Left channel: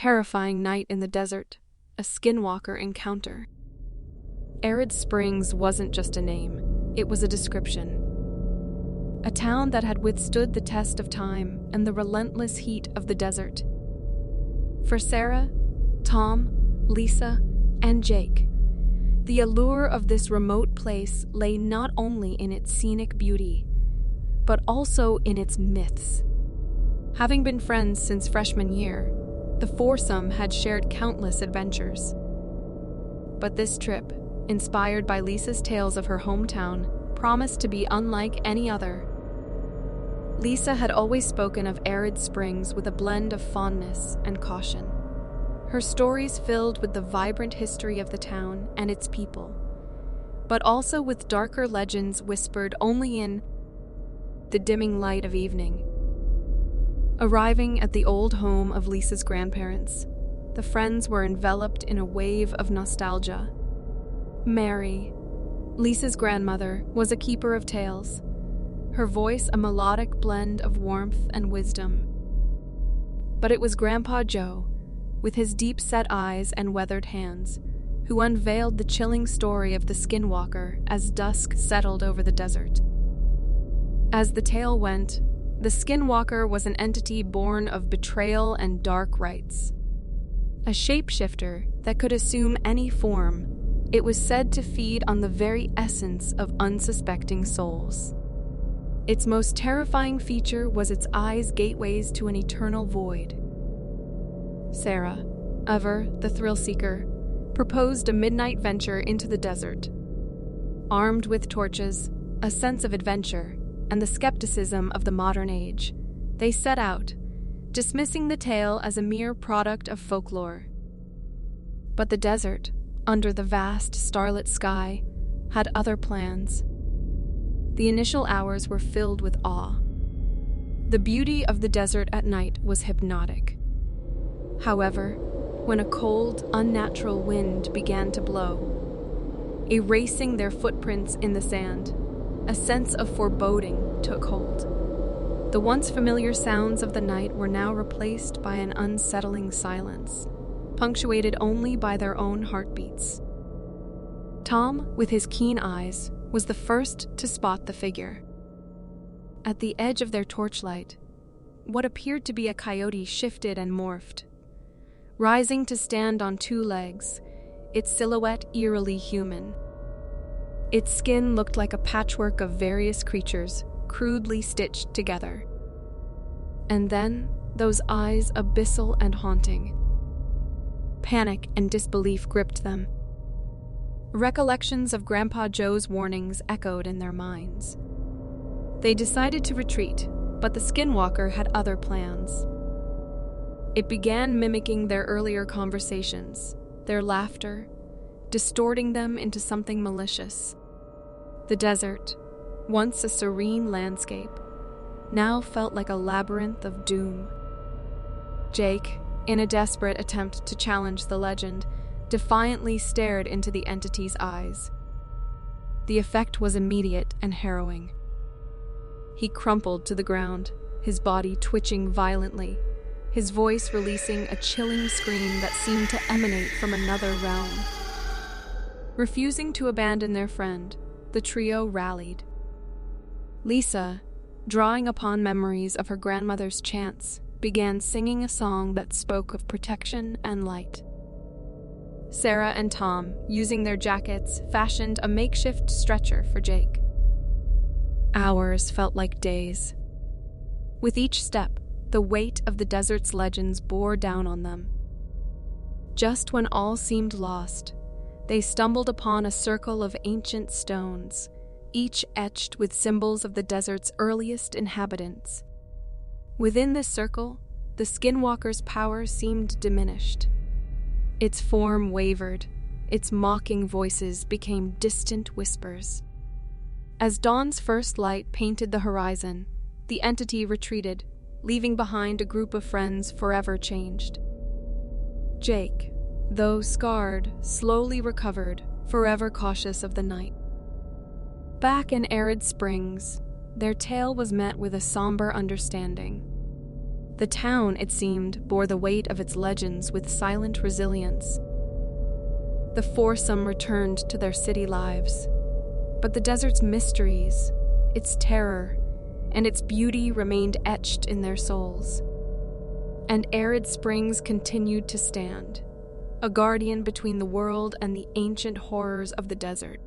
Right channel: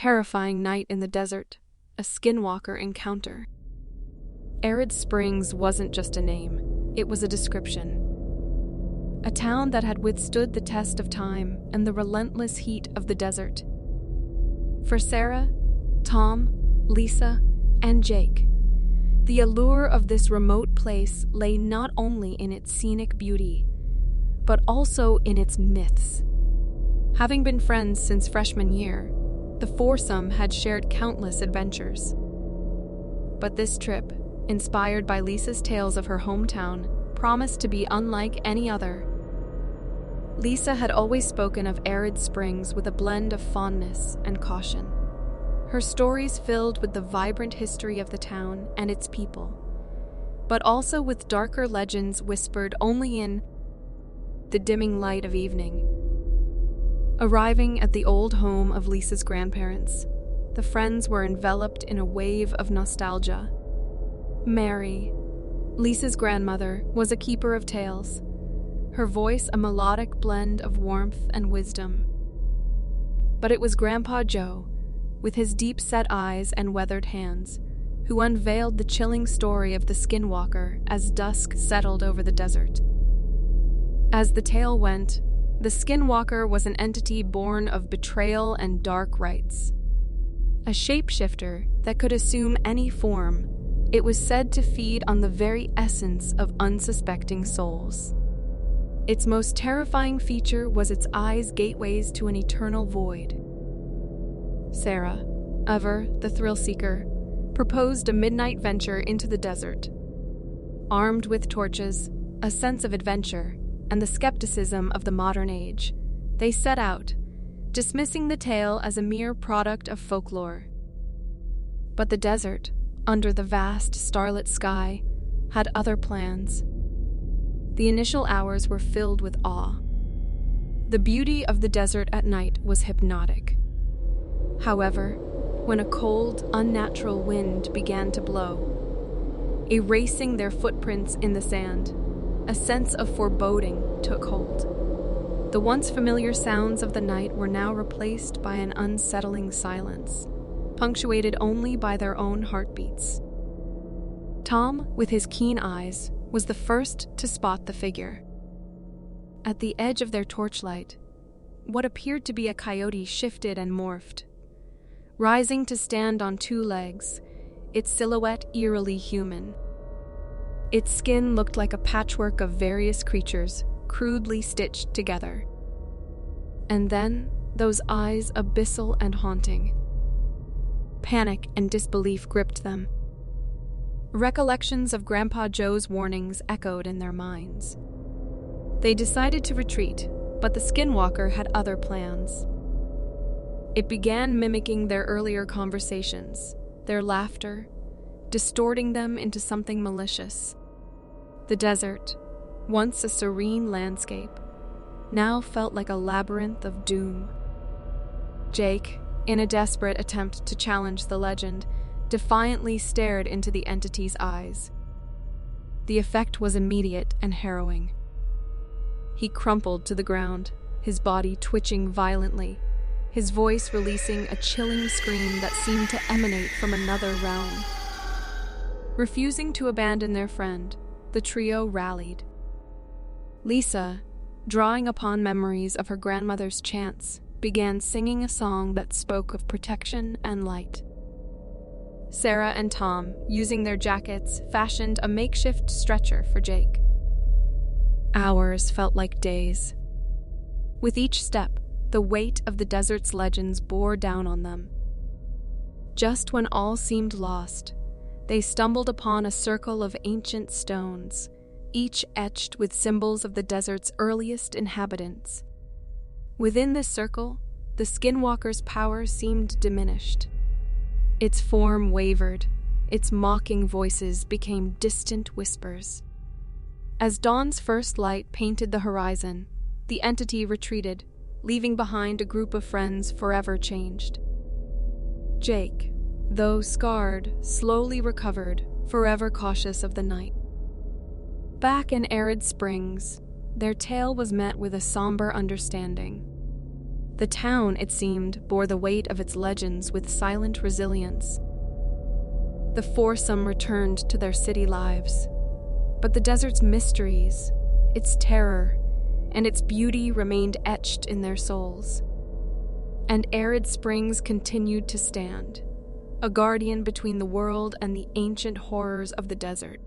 terrifying night in the desert, a skinwalker encounter. Arid Springs wasn't just a name, it was a description. A town that had withstood the test of time and the relentless heat of the desert. For Sarah, Tom, Lisa, and Jake, the allure of this remote place lay not only in its scenic beauty, but also in its myths. Having been friends since freshman year, the foursome had shared countless adventures. But this trip, inspired by Lisa's tales of her hometown, promised to be unlike any other. Lisa had always spoken of Arid Springs with a blend of fondness and caution. Her stories filled with the vibrant history of the town and its people, but also with darker legends whispered only in the dimming light of evening. Arriving at the old home of Lisa's grandparents, the friends were enveloped in a wave of nostalgia. Mary, Lisa's grandmother, was a keeper of tales, her voice a melodic blend of warmth and wisdom. But it was Grandpa Joe, with his deep-set eyes and weathered hands, who unveiled the chilling story of the Skinwalker as dusk settled over the desert. As the tale went, the Skinwalker was an entity born of betrayal and dark rites. A shapeshifter that could assume any form, it was said to feed on the very essence of unsuspecting souls. Its most terrifying feature was its eyes' gateways to an eternal void. Sarah, ever the thrill-seeker, proposed a midnight venture into the desert. Armed with torches, a sense of adventure, and the skepticism of the modern age, they set out, dismissing the tale as a mere product of folklore. But the desert, under the vast starlit sky, had other plans. The initial hours were filled with awe. The beauty of the desert at night was hypnotic. However, when a cold, unnatural wind began to blow, erasing their footprints in the sand, a sense of foreboding took hold. The once familiar sounds of the night were now replaced by an unsettling silence, punctuated only by their own heartbeats. Tom, with his keen eyes, was the first to spot the figure. At the edge of their torchlight, what appeared to be a coyote shifted and morphed. Rising to stand on two legs, its silhouette eerily human. Its skin looked like a patchwork of various creatures, crudely stitched together. And then, those eyes abyssal and haunting. Panic and disbelief gripped them. Recollections of Grandpa Joe's warnings echoed in their minds. They decided to retreat, but the Skinwalker had other plans. It began mimicking their earlier conversations, their laughter, distorting them into something malicious. The desert, once a serene landscape, now felt like a labyrinth of doom. Jake, in a desperate attempt to challenge the legend, defiantly stared into the entity's eyes. The effect was immediate and harrowing. He crumpled to the ground, his body twitching violently, his voice releasing a chilling scream that seemed to emanate from another realm. Refusing to abandon their friend, the trio rallied. Lisa, drawing upon memories of her grandmother's chants, began singing a song that spoke of protection and light. Sarah and Tom, using their jackets, fashioned a makeshift stretcher for Jake. Hours felt like days. With each step, the weight of the desert's legends bore down on them. Just when all seemed lost, they stumbled upon a circle of ancient stones, each etched with symbols of the desert's earliest inhabitants. Within this circle, the Skinwalker's power seemed diminished. Its form wavered, its mocking voices became distant whispers. As dawn's first light painted the horizon, the entity retreated, leaving behind a group of friends forever changed. Jake, though scarred, slowly recovered, forever cautious of the night. Back in Arid Springs, their tale was met with a somber understanding. The town, it seemed, bore the weight of its legends with silent resilience. The foursome returned to their city lives, but the desert's mysteries, its terror, and its beauty remained etched in their souls. And Arid Springs continued to stand, a guardian between the world and the ancient horrors of the desert.